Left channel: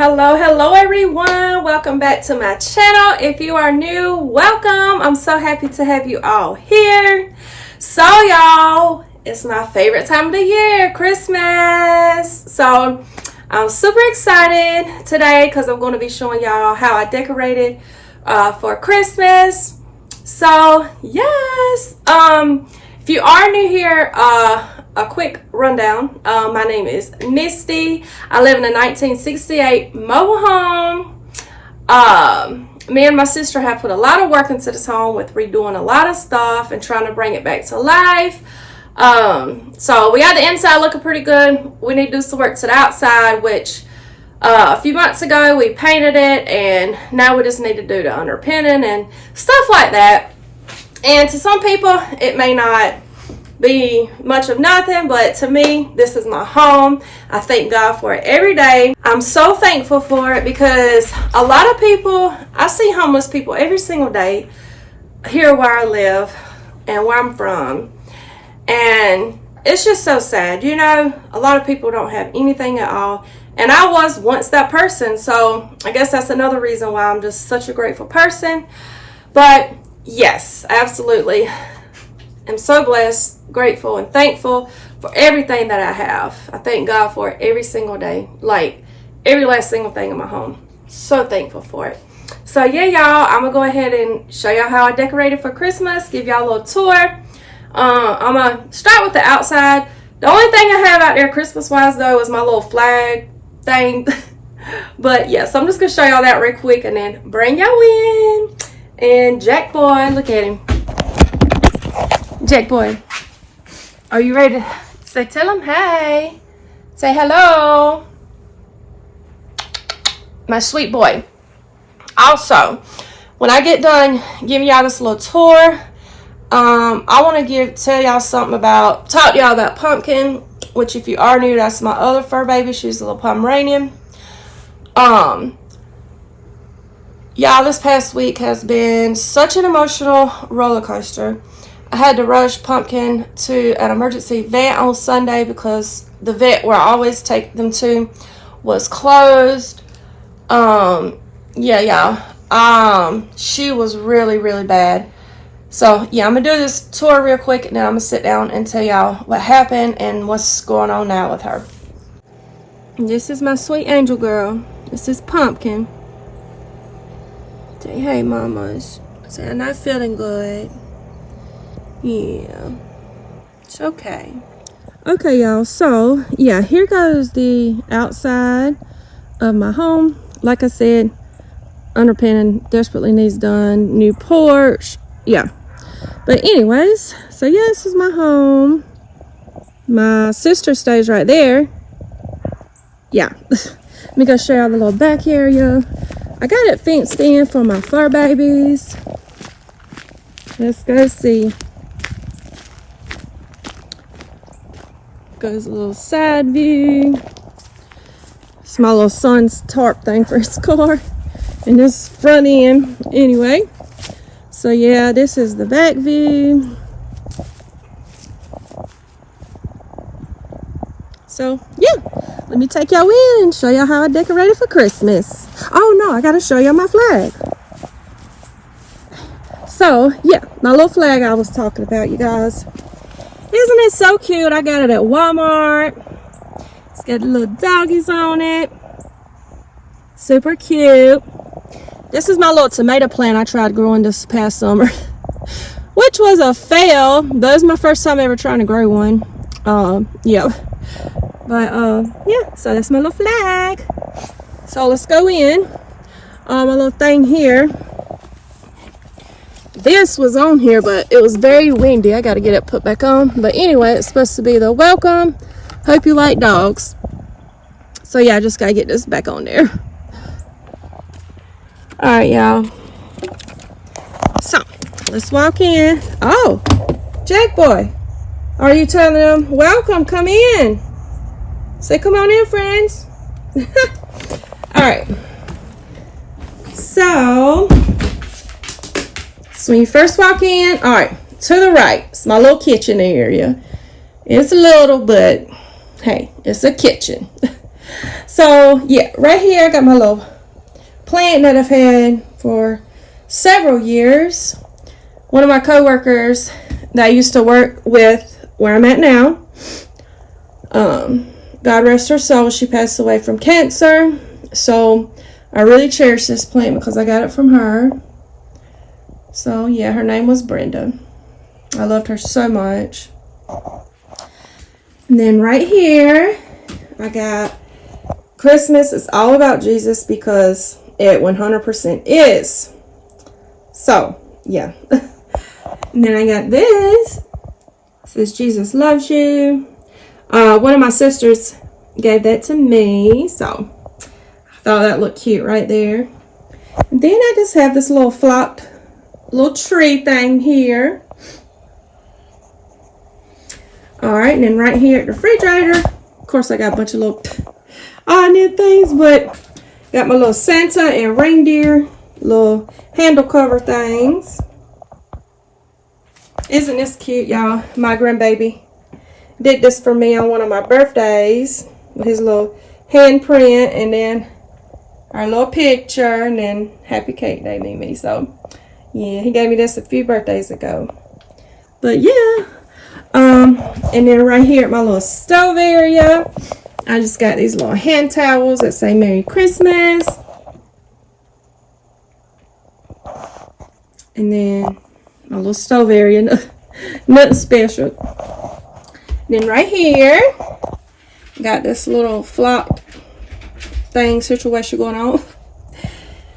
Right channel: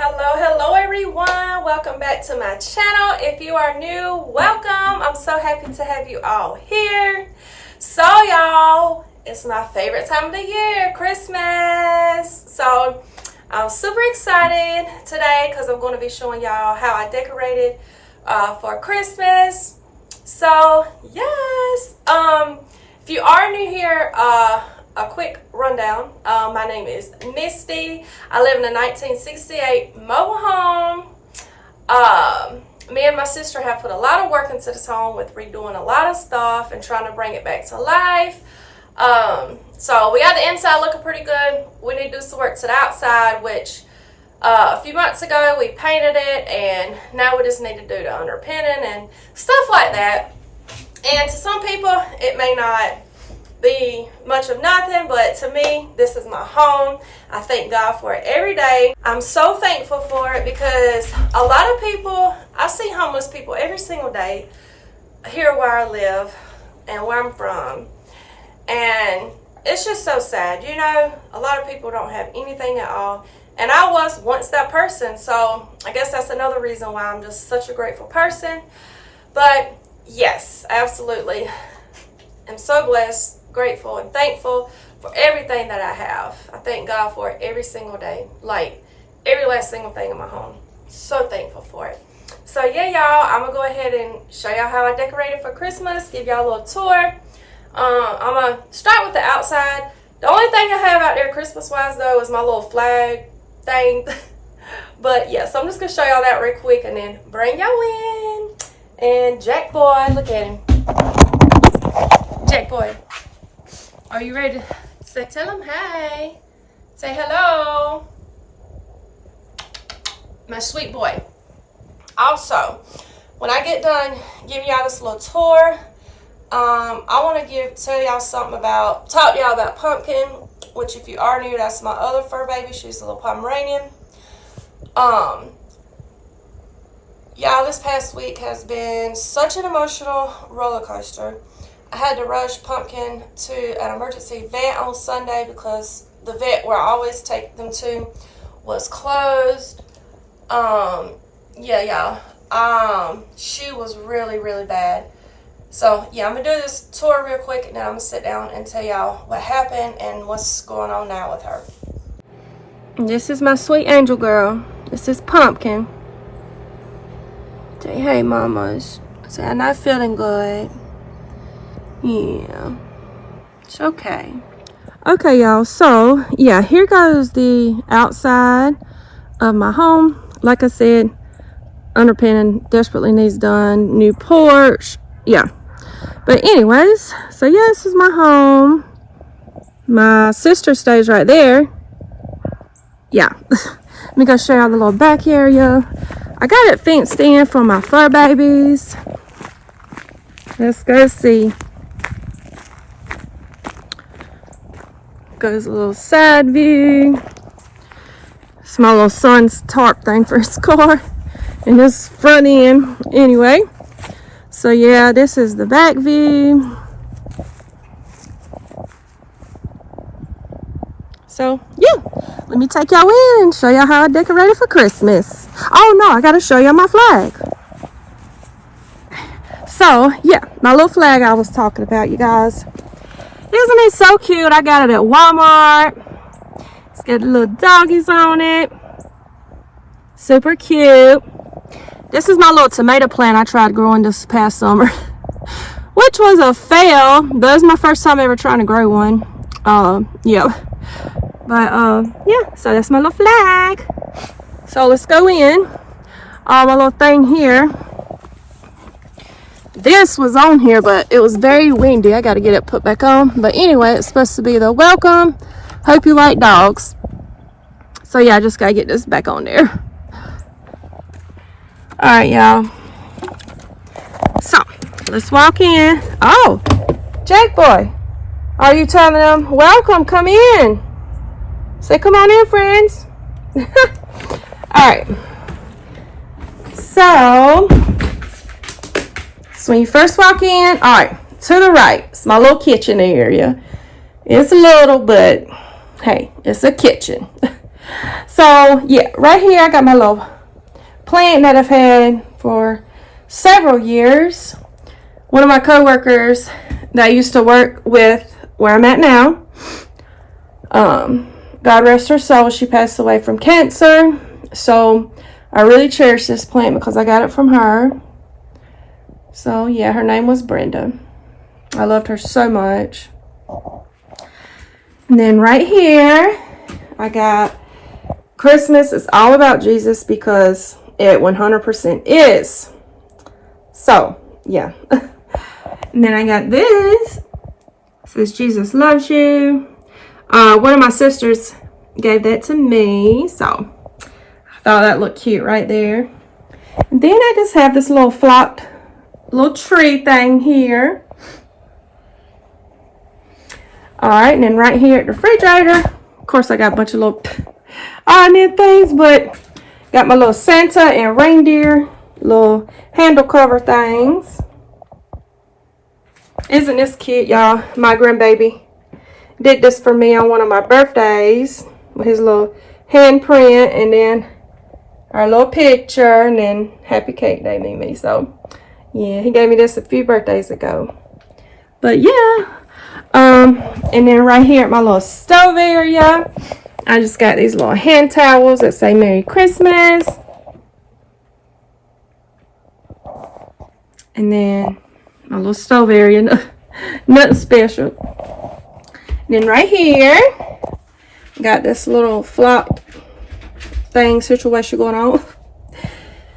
Hello everyone, welcome back to my channel. If you are new, welcome. I'm so happy to have you all here. So y'all, it's my favorite time of the year, Christmas. So I'm super excited today because I'm going to be showing y'all how I decorated for Christmas. So yes, if you are new here, a quick rundown. My name is Misty. I live in a 1968 mobile home. Me and my sister have put a lot of work into this home with redoing a lot of stuff and trying to bring it back to life. So we got the inside looking pretty good. We need to do some work to the outside, which a few months ago we painted it, and now we just need to do the underpinning and stuff like that. And to some people it may not be much of nothing, but to me, this is my home. I thank God for it every day. I'm so thankful for it because a lot of people, I see homeless people every single day here where I live and where I'm from, and it's just so sad. You know, a lot of people don't have anything at all, and I was once that person, so I guess that's another reason why I'm just such a grateful person. But yes, absolutely, I'm so blessed, grateful, and thankful for everything that I have. I thank God for it every single day, like every last single thing in my home. So thankful for it. So yeah, y'all, I'm gonna go ahead and show y'all how I decorated for Christmas, give y'all a little tour. I'm gonna start with the outside. The only thing I have out there Christmas wise though is my little flag thing. But yeah, so I'm just gonna show y'all that real quick and then bring y'all in. And Jack Boy, look at him. Jack Boy, are you ready to say, tell him hey, say hello, my sweet boy. Also, when I get done giving y'all this little tour, I want to tell y'all something about, talk to y'all about Pumpkin, which if you are new, that's my other fur baby. She's a little Pomeranian. Y'all, this past week has been such an emotional roller coaster. I had to rush Pumpkin to an emergency vet on Sunday because the vet where I always take them to was closed. Yeah, y'all. She was really bad. So yeah, I'm gonna do this tour real quick and then I'm gonna sit down and tell y'all what happened and what's going on now with her. This is my sweet angel girl. This is Pumpkin. Say hey, mamas. Say I'm not feeling good. Yeah, it's okay. Okay, y'all, so yeah, here goes the outside of my home. Like I said, underpinning desperately needs done, new porch, yeah. But anyways, so yeah, this is my home. My sister stays right there. Yeah. Let me go show y'all the little back area. I got it fenced in for my fur babies. Let's go see. Goes a little side view. It's my little son's tarp thing for his car. And this front end. Anyway. So yeah, this is the back view. So yeah, let me take y'all in and show y'all how I decorated for Christmas. Oh no, I gotta show y'all my flag. So yeah, my little flag I was talking about, you guys. Isn't it so cute? I got it at Walmart. It's got little doggies on it. Super cute. This is my little tomato plant I tried growing this past summer. Which was a fail. But it was my first time ever trying to grow one. Yeah. But yeah, so that's my little flag. So let's go in. My little thing here. This was on here, but it was very windy. I got to get it put back on. But anyway, it's supposed to be the welcome. Hope you like dogs. So yeah, I just got to get this back on there. All right, y'all. So let's walk in. Oh, Jack Boy, are you telling them welcome? Come in. Say come on in, friends. All right. So when you first walk in, all right, to the right, it's my little kitchen area. It's little, but hey, it's a kitchen. So yeah, right here I got my little plant that I've had for several years. One of my coworkers that I used to work with where I'm at now, God rest her soul, she passed away from cancer. So I really cherish this plant because I got it from her. So yeah, her name was Brenda. I loved her so much. And then right here, I got Christmas is all about Jesus because it 100% is. So yeah. And then I got this. It says Jesus loves you. One of my sisters gave that to me, so I thought that looked cute right there. And then I just have this little flocked little tree thing here. Alright, and then right here at the refrigerator, of course I got a bunch of little odd things, but got my little Santa and reindeer little handle cover things. Isn't this cute, y'all? My grandbaby did this for me on one of my birthdays with his little handprint, and then our little picture, and then happy cake day, Mimi. So yeah, he gave me this a few birthdays ago. But yeah, and then right here at my little stove area, I just got these little hand towels that say Merry Christmas. And then my little stove area, nothing special. Then right here, got this little flocked thing situation going on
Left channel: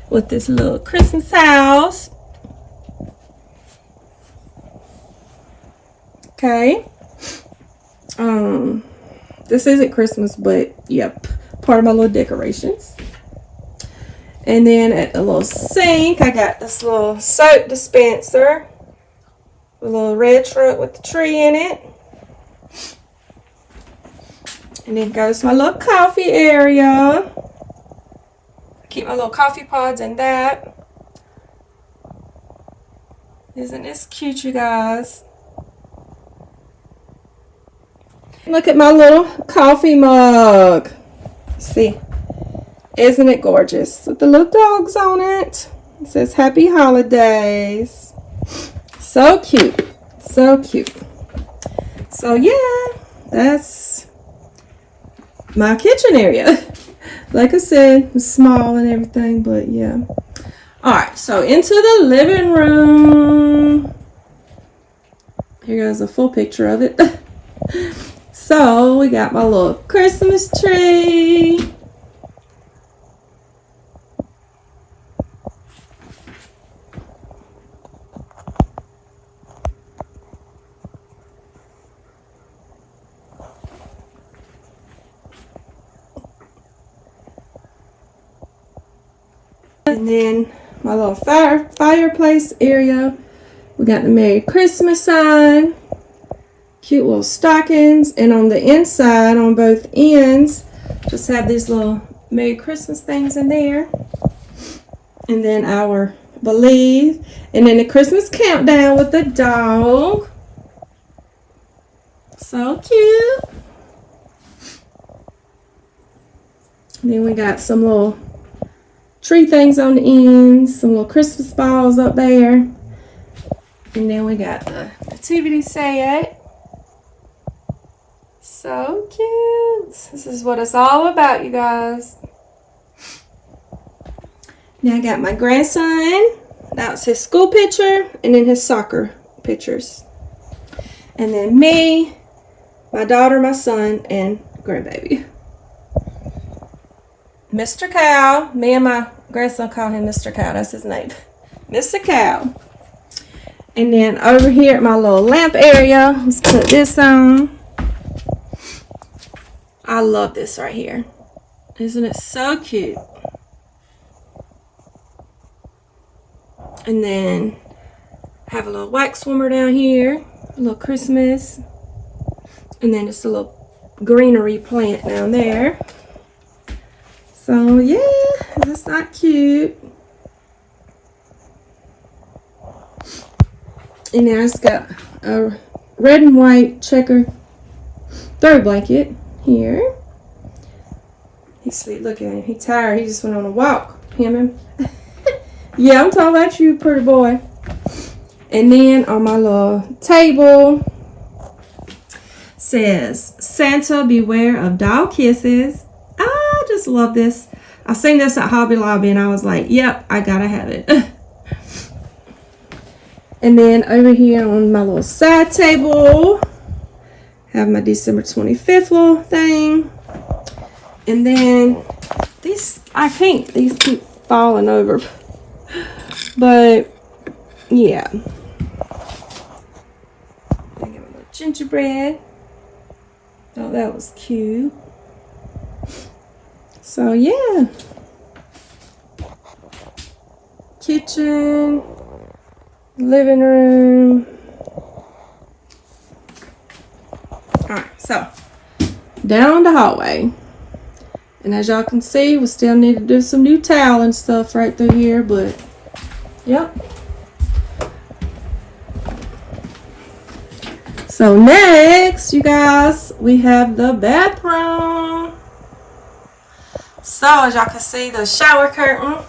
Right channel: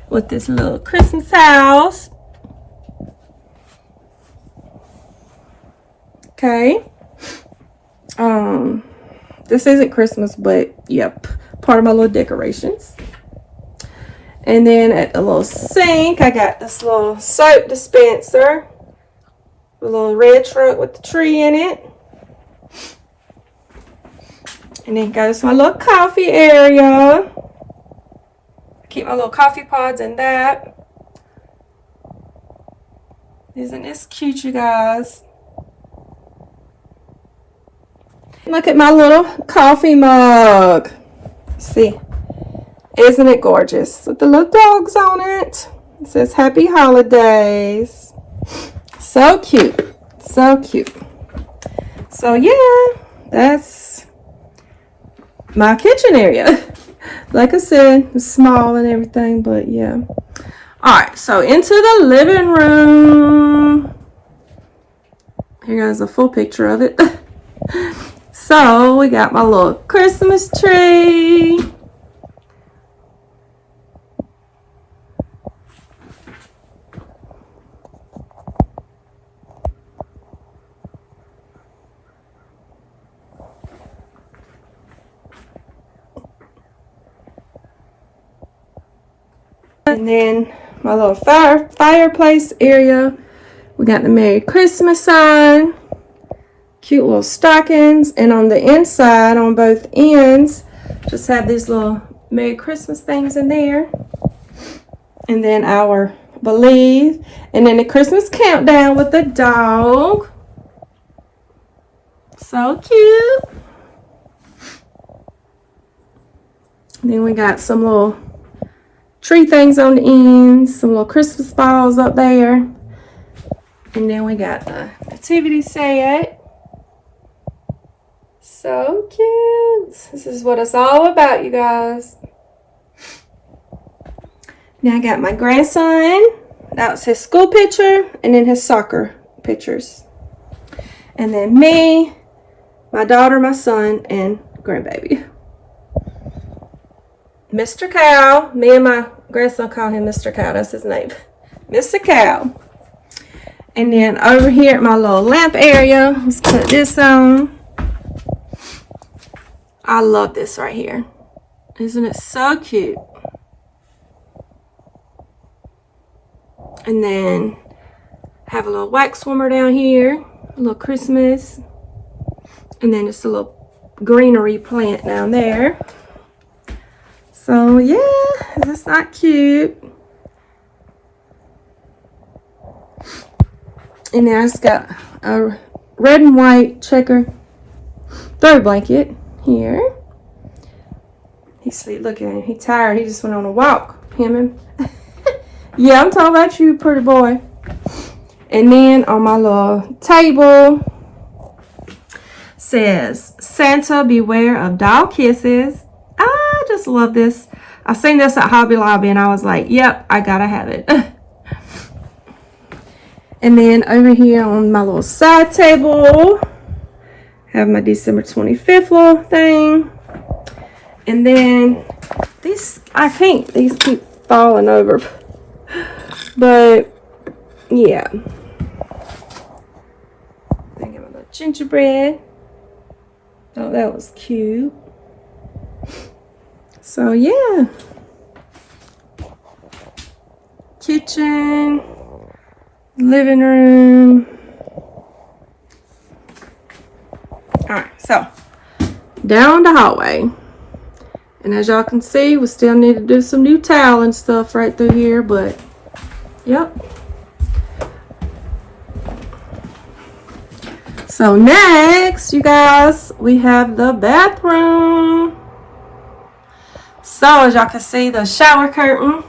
with this little Christmas house. Okay. This isn't Christmas, but yep, part of my little decorations. And then at the little sink, I got this little soap dispenser, a little red truck with the tree in it. And then goes my little coffee area. Keep my little coffee pods in that. Isn't this cute, you guys? Look at my little coffee mug. See, isn't it gorgeous? With the little dogs on it. It says Happy Holidays. So cute. So cute. So yeah, that's my kitchen area. Like I said, it's small and everything, but yeah. Alright, so into the living room. Here goes a full picture of it. So we got my little Christmas tree. And then my little fireplace area. We got the Merry Christmas sign. Cute little stockings. And on the inside, on both ends, just have these little Merry Christmas things in there. And then our Believe. And then the Christmas countdown with the dog. So cute. And then we got some little tree things on the ends, some little Christmas balls up there. And then we got the nativity set. So cute. This is what it's all about, you guys. Now I got my grandson. That's his school picture, and then his soccer pictures. And then me, my daughter, my son, and grandbaby. Mr. Cow. Me and my grandson call him Mr. Cow. That's his name. Mr. Cow. And then over here at my little lamp area, let's put this on. I love this right here. Isn't it so cute? And then have a little wax warmer down here. A little Christmas. And then just a little greenery plant down there. So yeah, that's not cute. And then I just got a red and white checker throw blanket here. He sleep. Look at him. He tired. He just went on a walk. Him. Yeah, I'm talking about you, pretty boy. And then on my little table says, Santa beware of dog kisses. I just love this. I seen this at Hobby Lobby and I was like, yep, I gotta have it. And then over here on my little side table, have my December 25th little thing. And then these, I think these keep falling over. But yeah. I got my little gingerbread. Oh, that was cute. So yeah. Kitchen, living room. Alright, so down the hallway. And as y'all can see, we still need to do some new tile and stuff right through here, but yep. So next, you guys, we have the bathroom. So as y'all can see, the shower curtain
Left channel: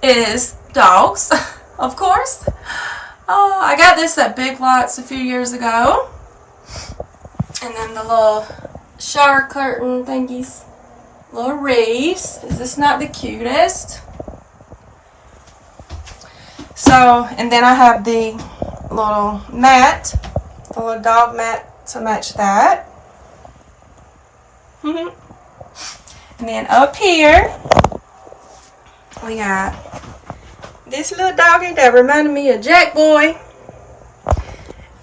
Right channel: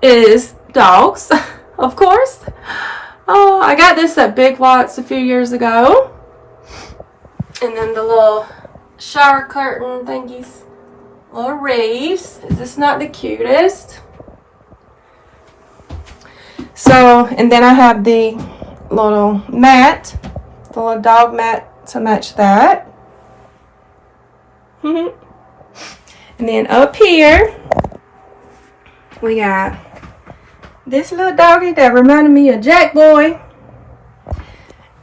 is dogs, of course. Oh, I got this at Big Lots a few years ago. And then the little shower curtain thingies, little wreaths. Is this not the cutest? So, and then I have the little mat, the little dog mat to match that. And then up here, we got this little doggy that reminded me of Jack Boy.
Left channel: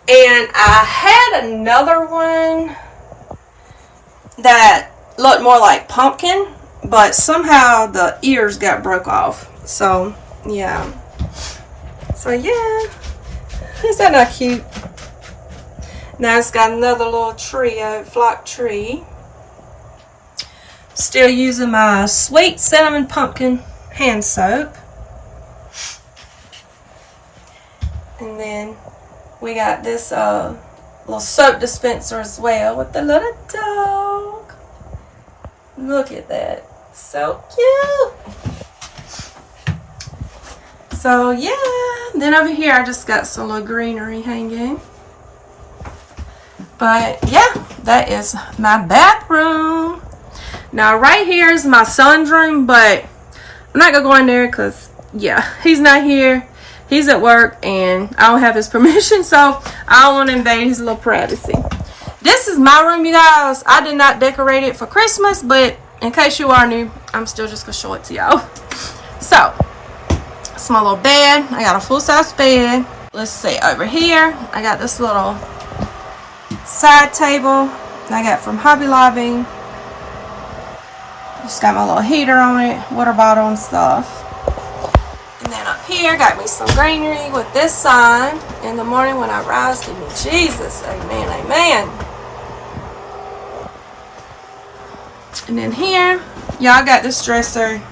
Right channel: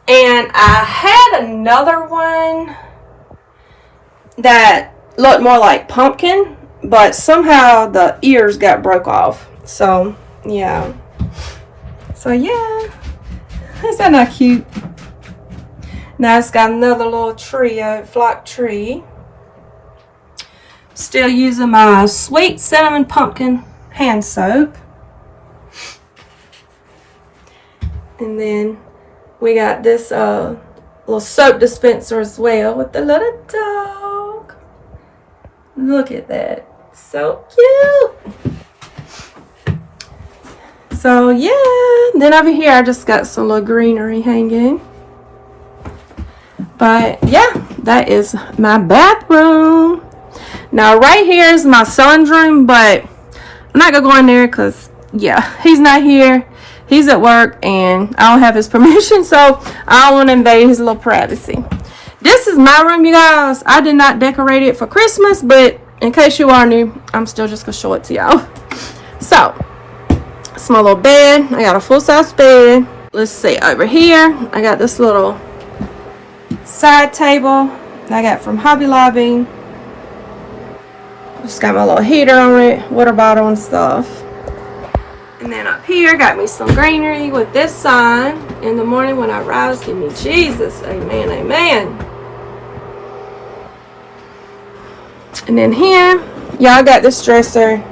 And I had another one that looked more like Pumpkin, but somehow the ears got broke off. So, yeah. So, yeah. Is that not cute? Now it's got another little tree, flock tree. Still using my sweet cinnamon pumpkin hand soap. And then we got this little soap dispenser as well with the little dog. Look at that. So cute. So yeah. Then over here I just got some little greenery hanging. But yeah, that is my bathroom. Now right here is my son's room, but I'm not going to go in there because, yeah, he's not here. He's at work and I don't have his permission, so I don't want to invade his little privacy. This is my room, you guys. I did not decorate it for Christmas, but in case you are new, I'm still just going to show it to y'all. So, it's my little bed. I got a full-size bed. Let's see, over here, I got this little side table that I got from Hobby Lobby. Just got my little heater on it, water bottle and stuff. And then up here, got me some greenery with this sign. In the morning when I rise, give me Jesus. Amen, amen. And then here, y'all got this dresser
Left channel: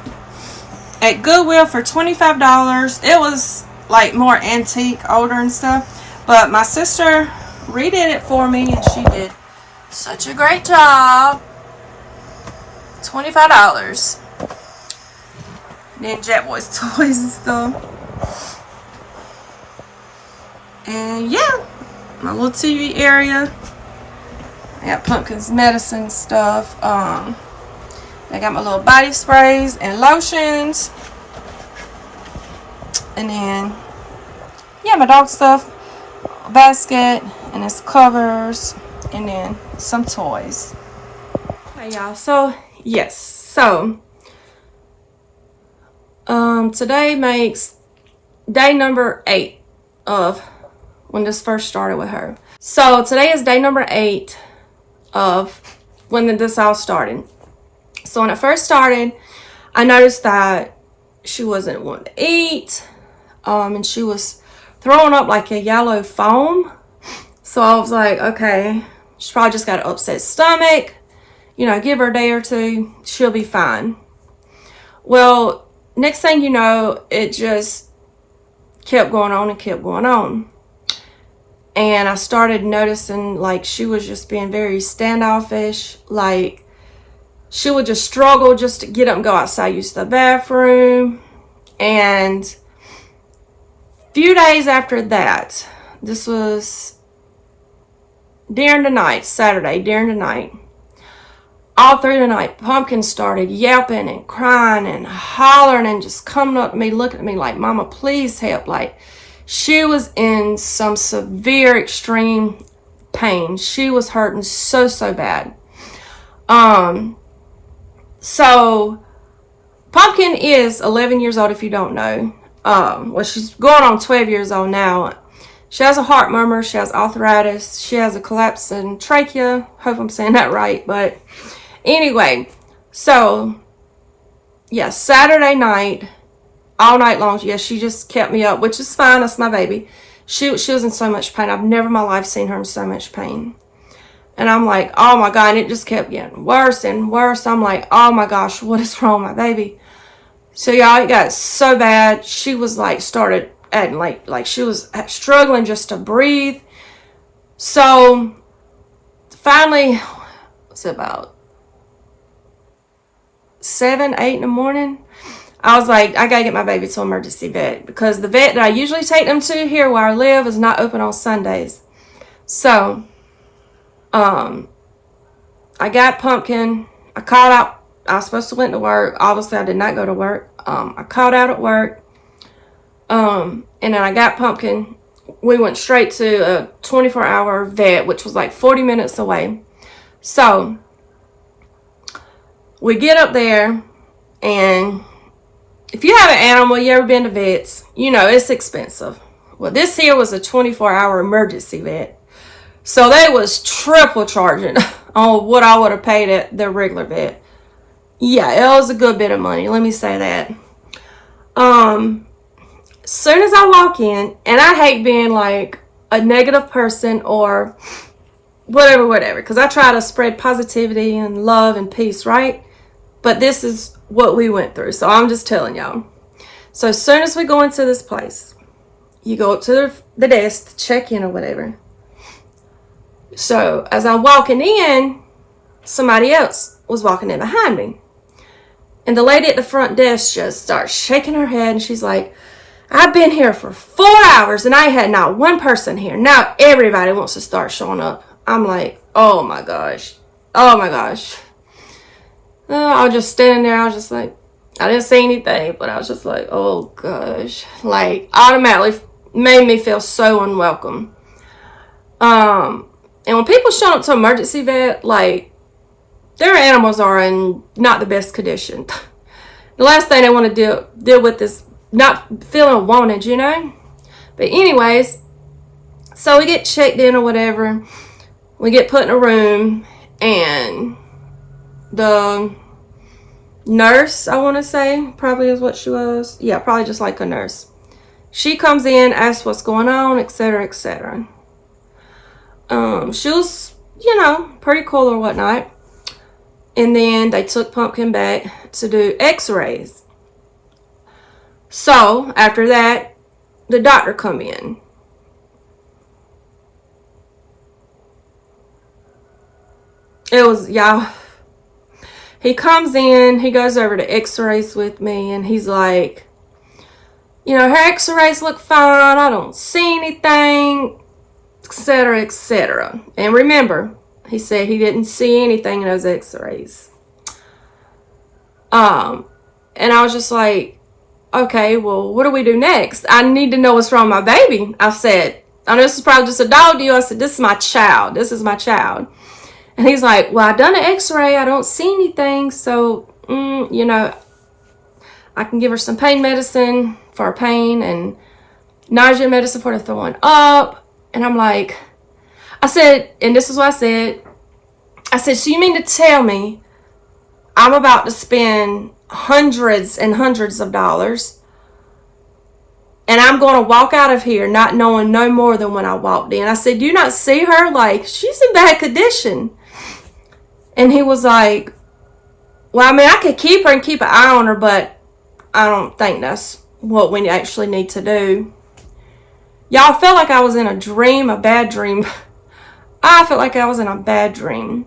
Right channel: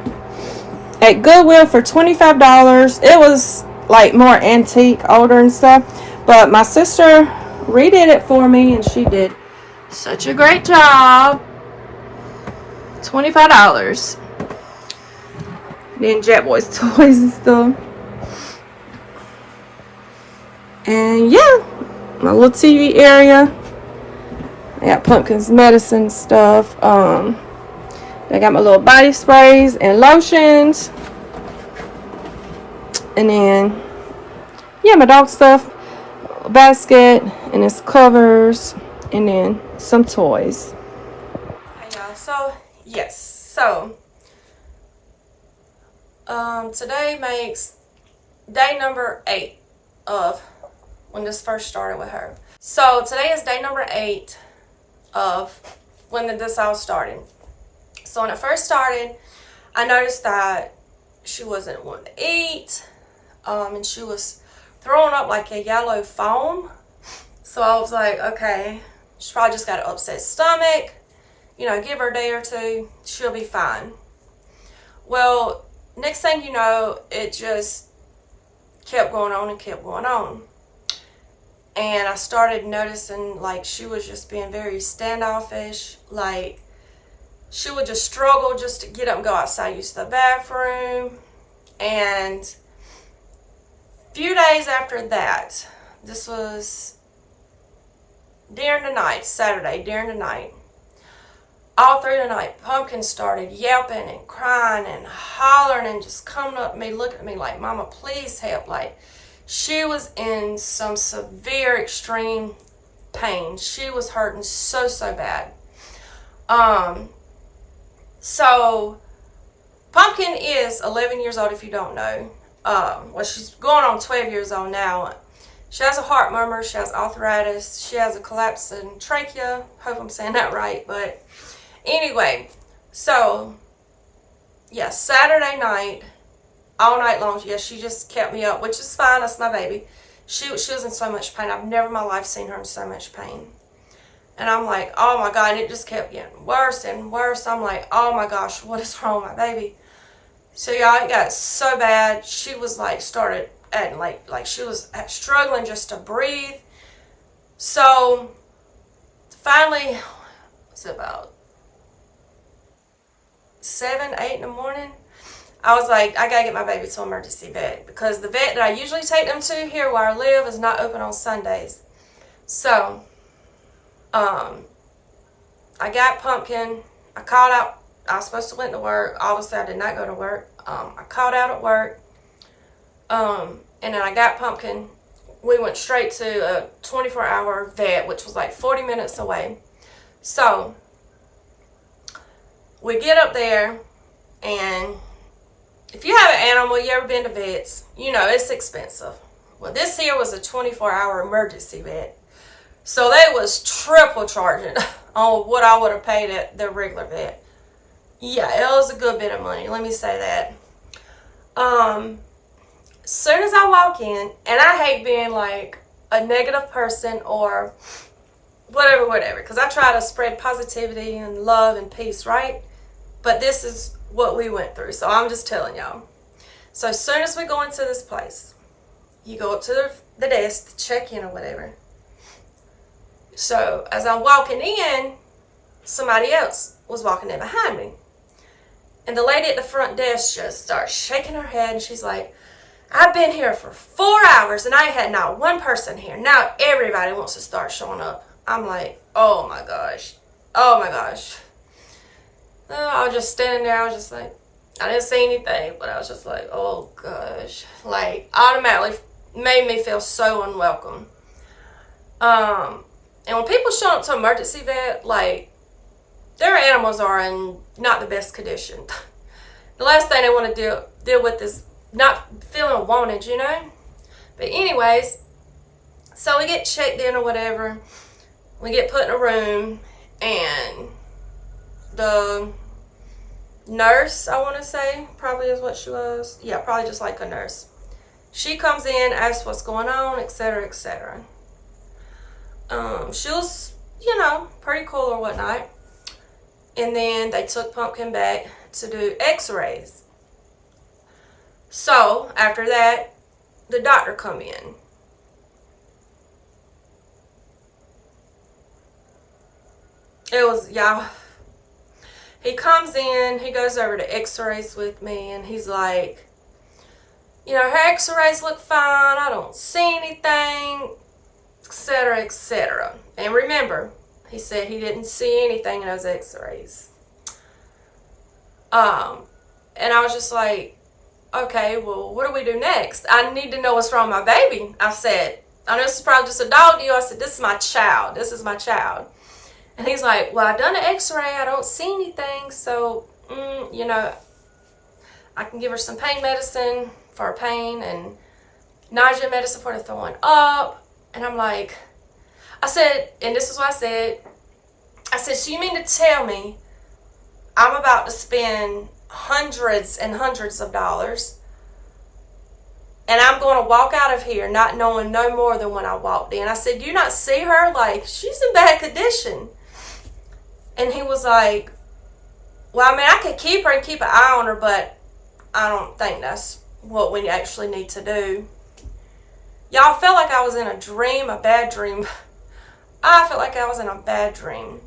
at Goodwill for $25. It was like more antique, older and stuff. But my sister redid it for me and she did such a great job. $25. Then Jack Boy's toys and stuff. And yeah, my little TV area. I got Pumpkin's medicine stuff. I got my little body sprays and lotions. And then, yeah, my dog stuff. Basket and its covers. And then some toys. Hey y'all, so yes, so today makes day number 8 of when this first started with her. So today is day number 8 of when this all started. So when it first started, I noticed that she wasn't wanting to eat, and she was throwing up like a yellow foam. So I was like, okay, she's probably just got an upset stomach. You know, give her a day or two, she'll be fine. Well, next thing you know, it just kept going on and kept going on. And I started noticing like she was just being very standoffish, like she would just struggle just to get up and go outside, use the bathroom. And a few days after that, this was during the night, Saturday, during the night, all through the night, Pumpkin started yelping and crying and hollering and just coming up to me, looking at me like, Mama, please help. Like, she was in some severe, extreme pain. She was hurting so, so bad. So Pumpkin is 11 years old, if you don't know. Well, she's going on 12 years old now. She has a heart murmur. She has arthritis. She has a collapse in trachea. Hope I'm saying that right. But anyway, so yeah, Saturday night, all night long, yeah, she just kept me up, which is fine. That's my baby. She was in so much pain. I've never in my life seen her in so much pain. And I'm like, oh my God. And it just kept getting worse and worse. I'm like, oh my gosh, what is wrong with my baby? So y'all, it got so bad. She was like, started acting like she was struggling just to breathe. So finally, it's about 7, 8 in the morning. I was like, I gotta get my baby to an emergency vet, because the vet that I usually take them to here where I live is not open on Sundays. So, I got Pumpkin. I called out. I was supposed to went to work. Obviously, I did not go to work. I called out at work. And then I got Pumpkin. We went straight to a 24-hour vet, which was like 40 minutes away. So, we get up there, and if you have an animal, you ever been to vets, you know it's expensive. Well, this here was a 24-hour emergency vet. So they was triple charging on what I would have paid at the regular vet. Yeah, it was a good bit of money, let me say that. As soon as I walk in, and I hate being like a negative person or whatever, because I try to spread positivity and love and peace, right? But this is what we went through, so I'm just telling y'all. So as soon as we go into this place, you go up to the desk to check in or whatever. So as I'm walking in, somebody else was walking in behind me. And the lady at the front desk just starts shaking her head, and she's like, I've been here for 4 hours and I had not one person here. Now everybody wants to start showing up. I'm like, oh my gosh. Oh my gosh. I was just standing there. I was just like, I didn't say anything, but I was just like, oh gosh. Like, automatically made me feel so unwelcome. And when people show up to emergency vet, like, their animals are in not the best condition. The last thing they want to deal with is not feeling wanted, you know? But anyways, so we get checked in or whatever. We get put in a room, and the nurse, I want to say, probably is what she was. Yeah, probably just like a nurse. She comes in, asks what's going on, etc., etc. She was, you know, pretty cool or whatnot. And then they took Pumpkin back to do x-rays. So, after that, the doctor come in. It was, y'all, he comes in, he goes over to x-rays with me, and he's like, you know, her x-rays look fine, I don't see anything, etc., etc. And remember, he said he didn't see anything in those x-rays. And I was just like, okay, well, what do we do next? I need to know what's wrong with my baby. I said, I know this is probably just a dog deal. I said, this is my child. This is my child. And he's like, well, I done an x-ray. I don't see anything. So, you know, I can give her some pain medicine for her pain and nausea medicine for the throwing up. And I'm like, I said, and this is what I said. I said, so you mean to tell me I'm about to spend hundreds and hundreds of dollars, and I'm going to walk out of here not knowing no more than when I walked in? I said, do you not see her? Like, she's in bad condition. And he was like, well, I mean, I could keep her and keep an eye on her, but I don't think that's what we actually need to do. Y'all, felt like I was in a dream, a bad dream. I felt like I was in a bad dream.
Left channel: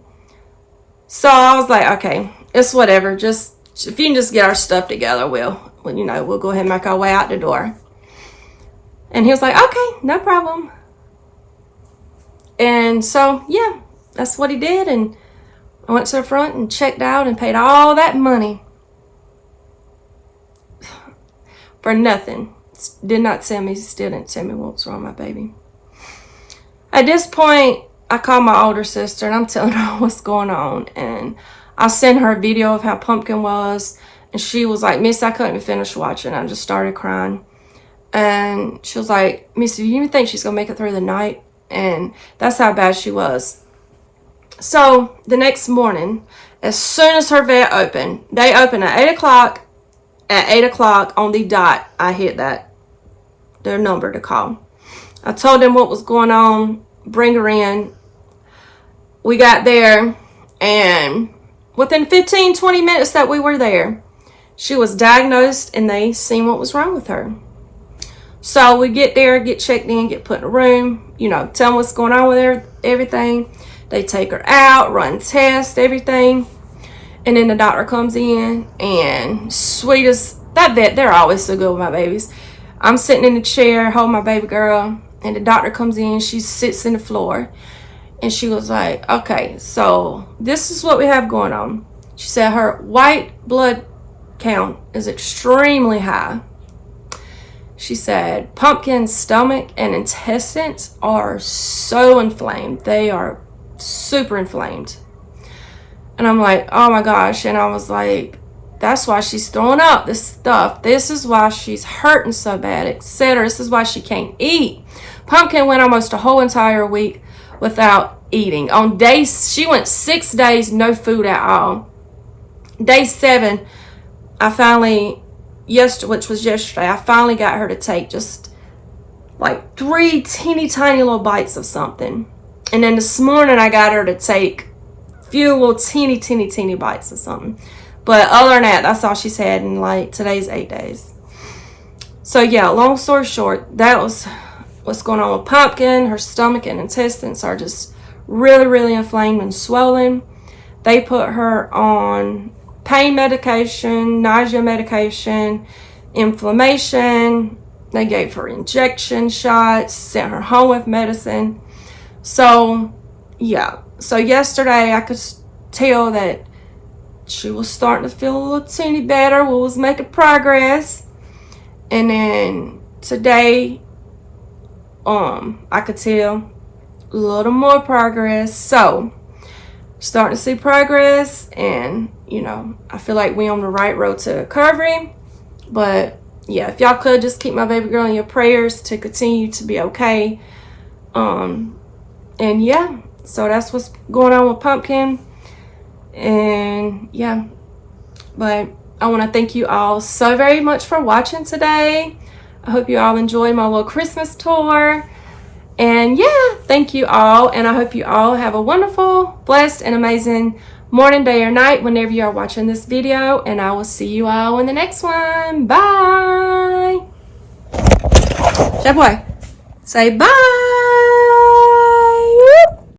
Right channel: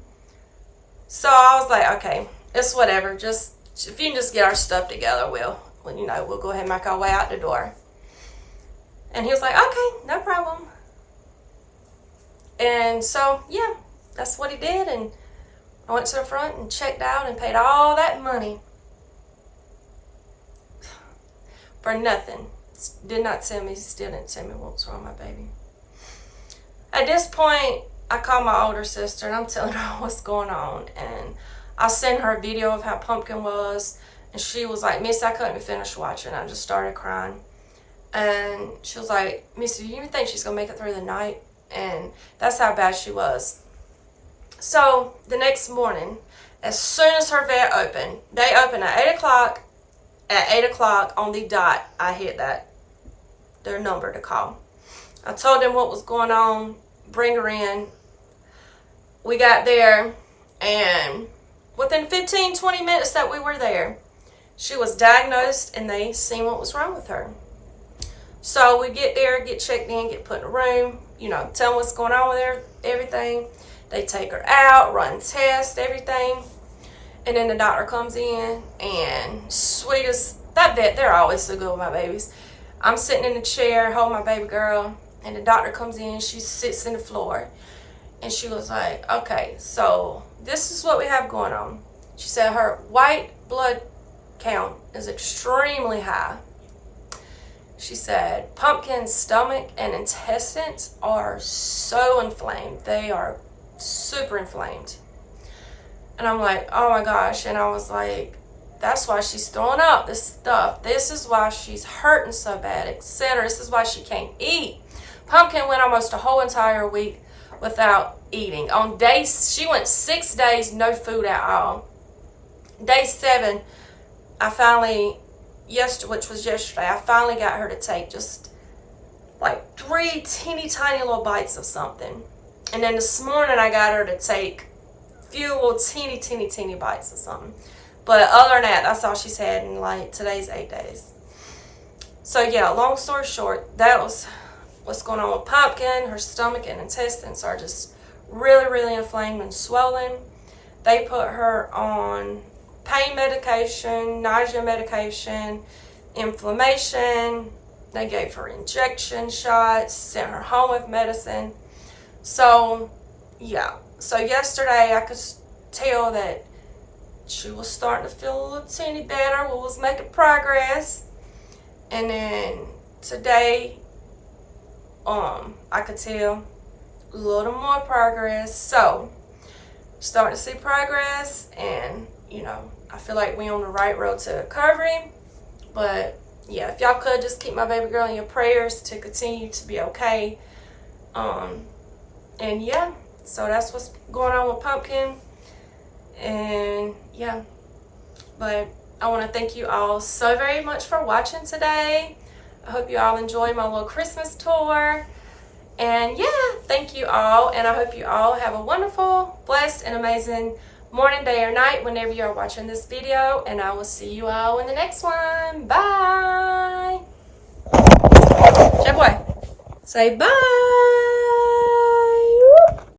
So I was like, okay, it's whatever. Just if you can just get our stuff together, we'll go ahead and make our way out the door. And he was like, okay, no problem. And so, yeah, that's what he did. And I went to the front and checked out and paid all that money for nothing. Still didn't tell me what was wrong with my baby. At this point, I called my older sister and I'm telling her what's going on. And I sent her a video of how Pumpkin was. And she was like, Miss, I couldn't even finish watching. I just started crying. And she was like, Miss, do you even think she's going to make it through the night? And that's how bad she was. So the next morning, as soon as her vet opened, they opened at 8 o'clock. At 8 o'clock on the dot, I hit their number to call. I told them what was going on, bring her in. We got there, and within 15-20 minutes that we were there, she was diagnosed and they seen what was wrong with her. So we get there, get checked in, get put in a room, tell them what's going on with her, everything. They take her out, run tests, everything. And then the doctor comes in, and sweet as that vet, they're always so good with my babies. I'm sitting in the chair, holding my baby girl, and the doctor comes in, she sits in the floor. And she was like, okay, so this is what we have going on. She said her white blood count is extremely high. She said Pumpkin's stomach and intestines are so inflamed. They are super inflamed. And I'm like, oh my gosh. And I was like, that's why she's throwing up this stuff. This is why she's hurting so bad, etc. This is why she can't eat. Pumpkin went almost a whole entire week without eating. She went 6 days, no food at all. Day 7, which was yesterday, I finally got her to take just like 3 teeny tiny little bites of something. And then this morning I got her to take a few little teeny bites of something. But other than that, that's all she's had in like today's 8 days. So yeah, long story short, that was what's going on with Pumpkin. Her stomach and intestines are just really, really inflamed and swollen. They put her on pain medication, nausea medication, inflammation. They gave her injection shots, sent her home with medicine. So, yeah. So yesterday I could tell that she was starting to feel a little teeny better. We was making progress. And then today, I could tell a little more progress. So, starting to see progress, and I feel like we're on the right road to recovery. But yeah, if y'all could just keep my baby girl in your prayers to continue to be okay. And yeah, so that's what's going on with Pumpkin. And yeah, but I want to thank you all so very much for watching today. I hope you all enjoyed my little Christmas tour. And yeah, thank you all. And I hope you all have a wonderful, blessed, and amazing morning, day, or night whenever you are watching this video. And I will see you all in the next one. Bye. Jab boy, say bye.